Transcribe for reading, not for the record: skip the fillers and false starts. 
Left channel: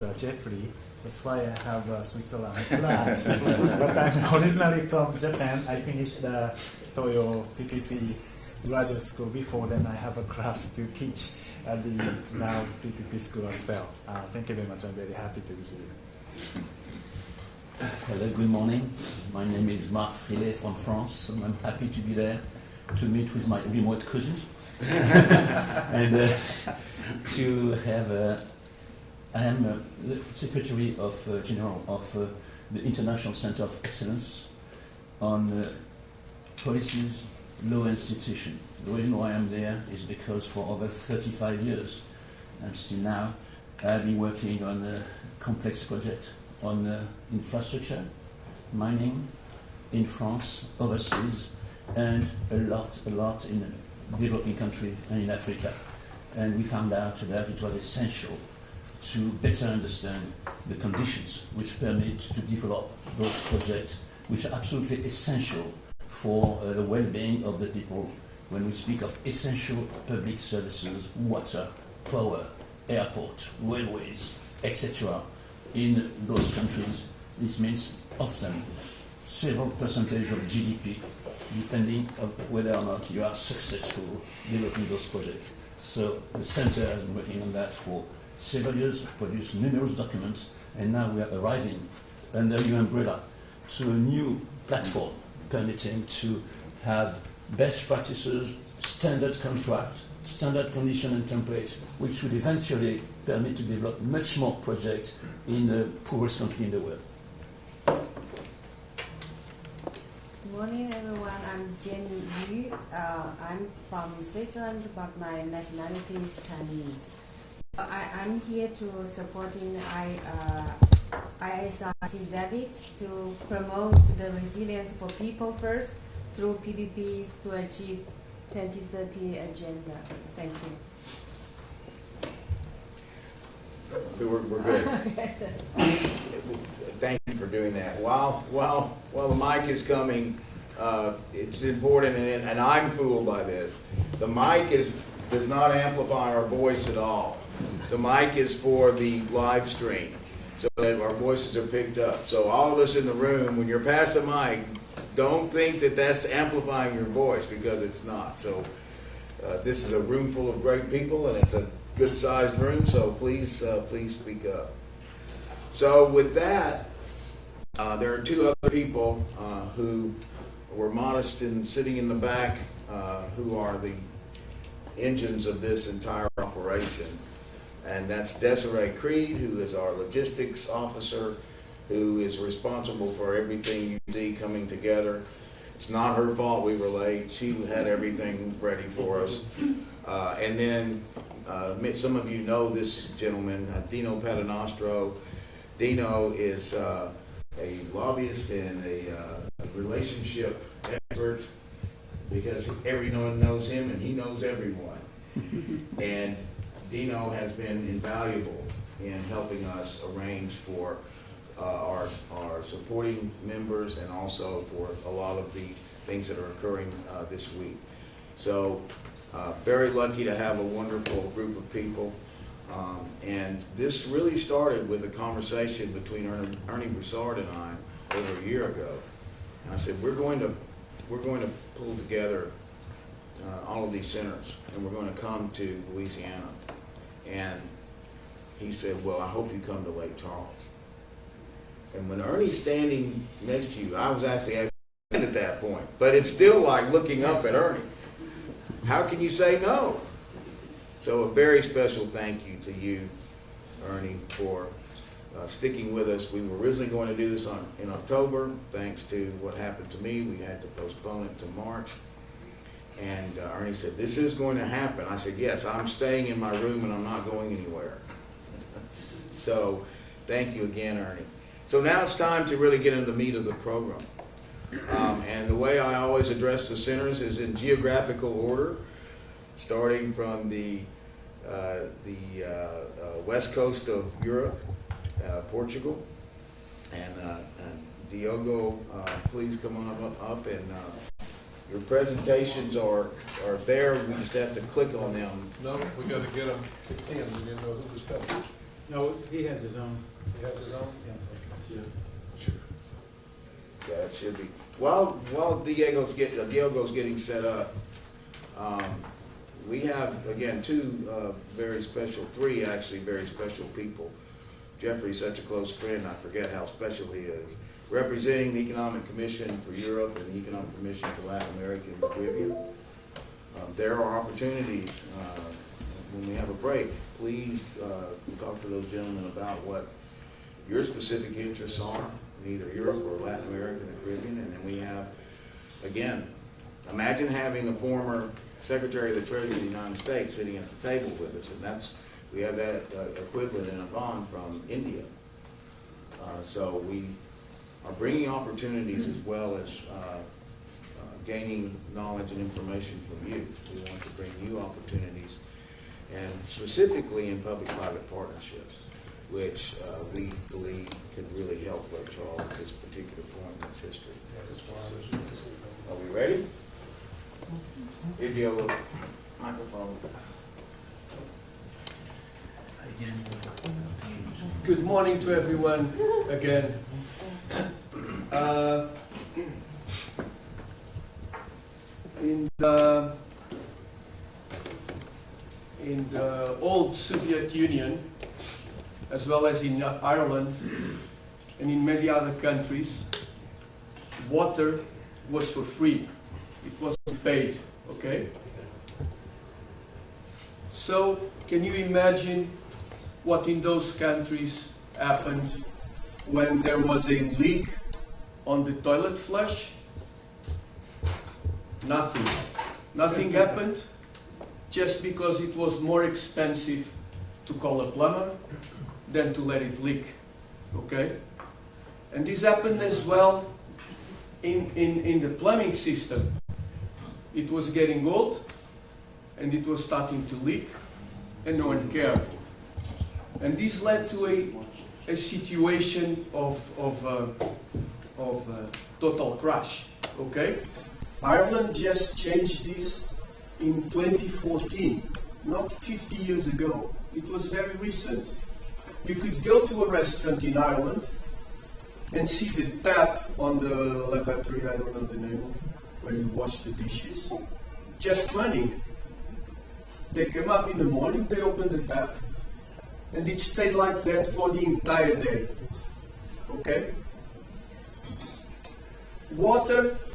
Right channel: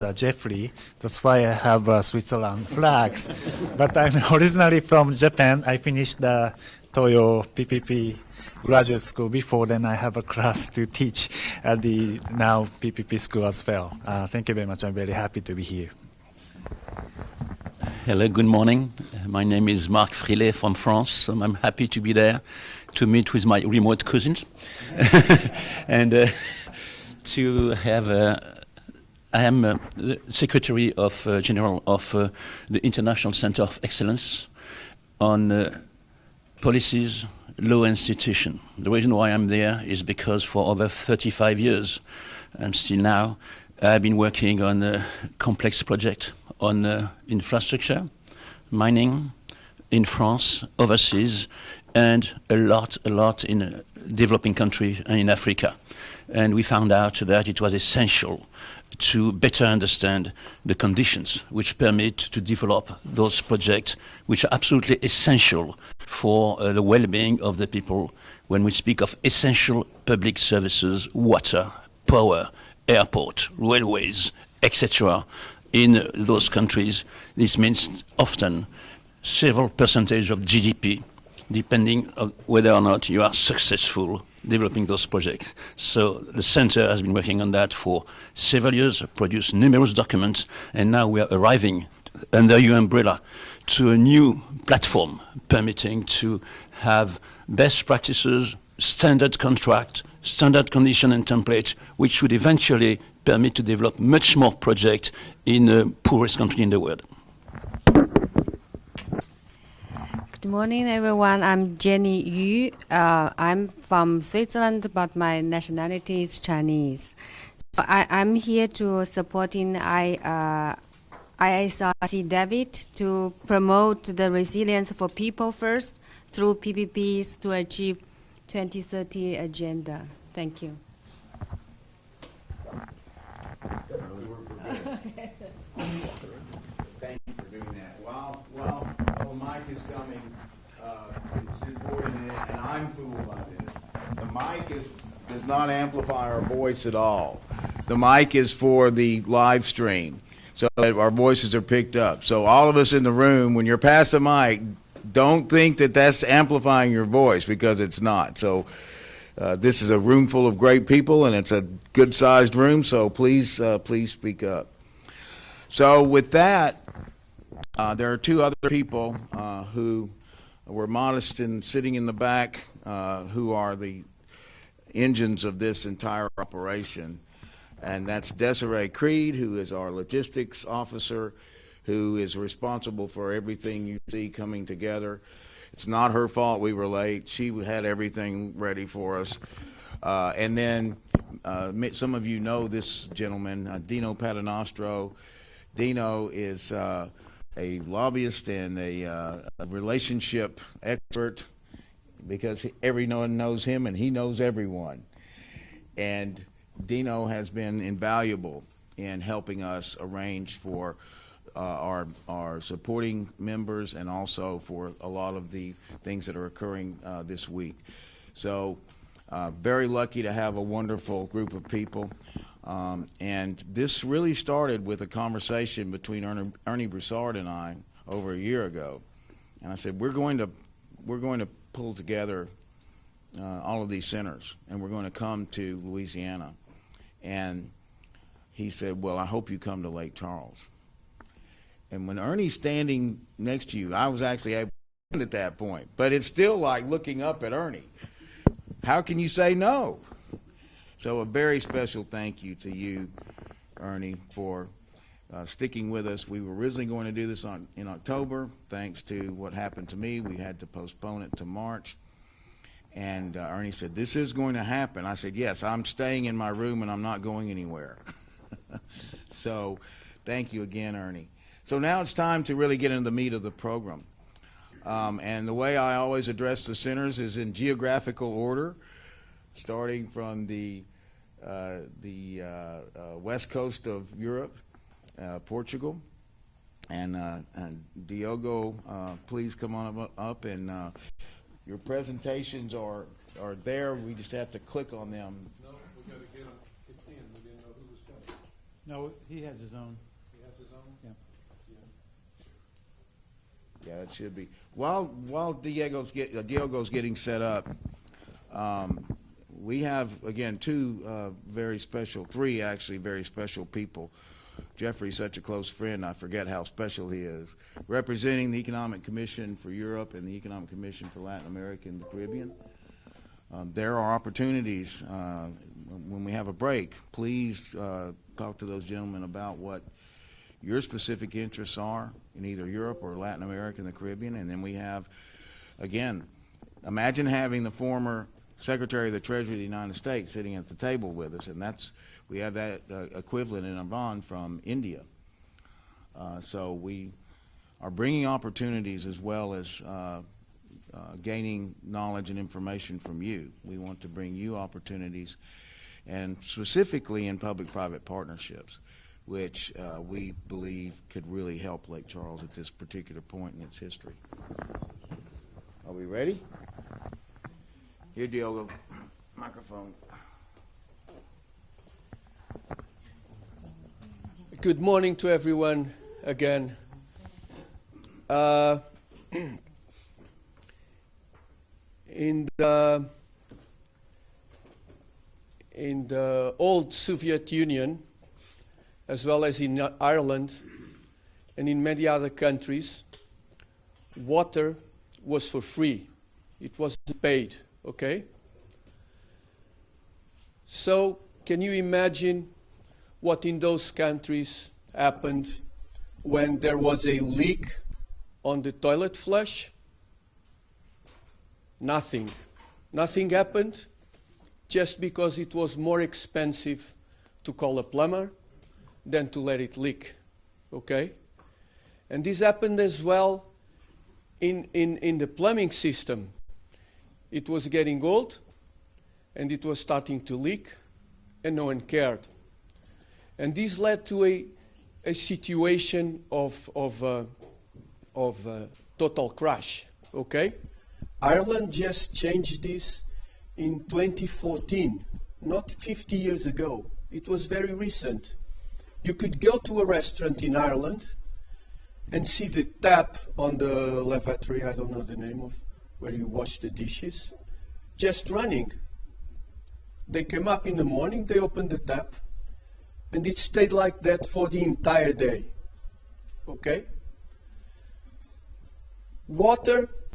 Jeffrey. That's why I have Switzerland flags. But I'm originally from Japan. I finished the Toyo PPP graduate school before. Then I have a class to teach at the now PPP school as well. Thank you very much. I'm very happy to be here. Hello, good morning. My name is Marc Frilet from France, and I'm happy to be there to meet with my remote cousins and to have I am the Secretary of General of the International Center of Excellence on policies, law, and institution. The reason why I'm there is because for over 35 years, and still now, I've been working on a complex project on infrastructure, mining in France, overseas, and a lot in developing countries and in Africa. And we found out that it was essential to better understand the conditions which permit to develop those projects which are absolutely essential for the well-being of the people when we speak of essential public services, water, power, airport, railways, etc. In those countries. This means often several percentage of GDP, depending on whether or not you are successful developing those projects. So the center has been working on that for several years, produced numerous documents, and now we are arriving under your umbrella to a new platform permitting to have best practices, standard contract, standard condition and template, which would eventually permit to develop much more projects in the poorest country in the world. Good morning, everyone. I'm Jenny Yu. I'm from Switzerland, but my nationality is Chinese. So I'm here to supporting ISRC David to promote the resilience for people first through PPPs to achieve 2030 agenda. Thank you. We're good. Thank you for doing that. While the mic is coming, it's important, and I'm fooled by this. The mic does not amplify our voice at all. The mic is for the live stream, so that our voices are picked up. So all of us in the room, when you're past the mic, don't think that that's amplifying your voice, because it's not. So this is a room full of great people, and it's a good-sized room, so please speak up. So with that, there are two other people who were modest and sitting in the back, who are the engines of this entire operation. And that's Desiree Creed, who is our logistics officer, who is responsible for everything you see coming together. It's not her fault we were late. She had everything ready for us. And then some of you know this gentleman, Dino Paternostro. Dino is a lobbyist and a relationship expert, because everyone knows him and he knows everyone. And Dino has been invaluable in helping us arrange for our supporting members, and also for a lot of the things that are occurring this week. So very lucky to have a wonderful group of people. And this really started with a conversation between Ernie Broussard and I over a year ago. And I said, we're going to pull together all of these centers, and we're going to come to Louisiana. And he said, well, I hope you come to Lake Charles. And when Ernie's standing next to you, I was actually at that point, but it's still like looking up at Ernie. How can you say no? So a very special thank you to you, Ernie, for sticking with us. We were originally going to do this in October. Thanks to what happened to me, we had to postpone it to March. And Ernie said, this is going to happen. I said, yes, I'm staying in my room and I'm not going anywhere. So thank you again, Ernie. So now it's time to really get into the meat of the program. And the way I always address the centers is in geographical order, starting from the west coast of Europe, Portugal. And Diogo, please come on up, and your presentations are there. We just have to click on them. No, we got to get them in. We didn't know who was coming. No, he has his own. He has his own? Yeah, it should be. While Diego's getting set up, we have, again, three actually very special people. Jeffrey's such a close friend, I forget how special he is. Representing the Economic Commission for Europe and the Economic Commission for Latin America and the Caribbean. There are opportunities when we have a break. Please talk to those gentlemen about what your specific interests are in either Europe or Latin America and the Caribbean. And then we have, again, imagine having the former Secretary of the Treasury of the United States sitting at the table with us, and we have that equivalent in Avon from India. So we are bringing opportunities as well as gaining knowledge and information from you. We want to bring you opportunities, and specifically in public-private partnerships, which we believe could really help Lake Charles at this particular point in its history. Are we ready? Here, Diogo. Microphone. Good morning to everyone again. In the old Soviet Union, as well as in Ireland and in many other countries, water was for free. It wasn't paid, okay? So, can you imagine what in those countries happened when there was a leak on the toilet flush? Nothing. Nothing happened just because it was more expensive to call a plumber than to let it leak, okay? And this happened as well in the plumbing system. It was getting old and it was starting to leak and no one cared. And this led to a situation of total crash, okay? Ireland just changed this in 2014, not 50 years ago. It was very recent. You could go to a restaurant in Ireland and see the tap on the lavatory, I don't know the name of, where you wash the dishes, just running. They came up in the morning, they opened the tap, and it stayed like that for the entire day, okay? Water